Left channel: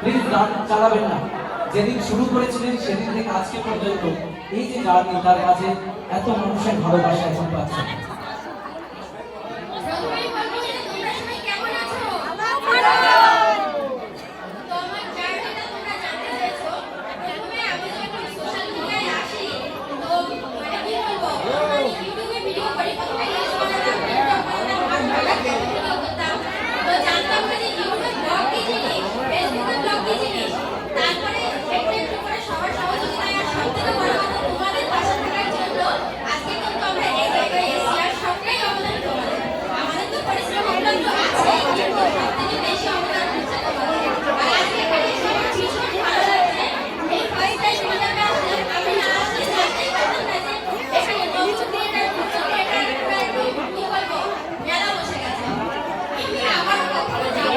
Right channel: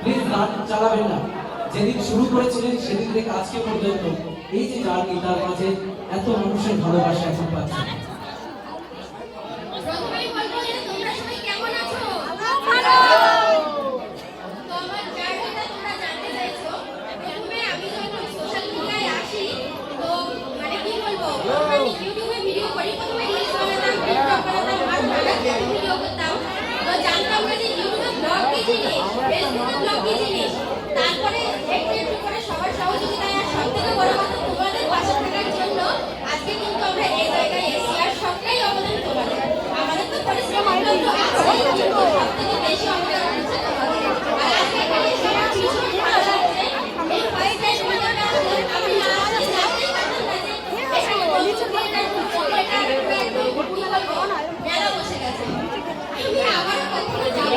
Please গান চালাবেন না। যেদিন শুরু করেছিলেন সেদিন থেকে আজকে পর্যন্ত এই যে জার্নি, তার কাছে এত মানুষের ভালোবাসা এখন পাচ্ছেন। তারপরে একটু একটু করে সবার সহযোগিতায় আর সবথেকে বড় কথা তোমাদের পাশে থাকার জন্য আজকে কিন্তু আমরা এই জায়গায় এসেছি। আর সবটাই অবদান তোমাদের। আমাদের তো পরিশ্রম অবদান তো আছেই, কিন্তু সবথেকে বেশি অবদান হচ্ছে তোমাদের। আর আজকে পেরেছি আমার ভীষণ ভালো লাগছে। এই ফার্স্ট টাইম তোমাদেরকে আমি না আসলে জানতেই পারতাম না যে এখানে মেলা বসে গেছে। আমি আবারও কখনো যাবো।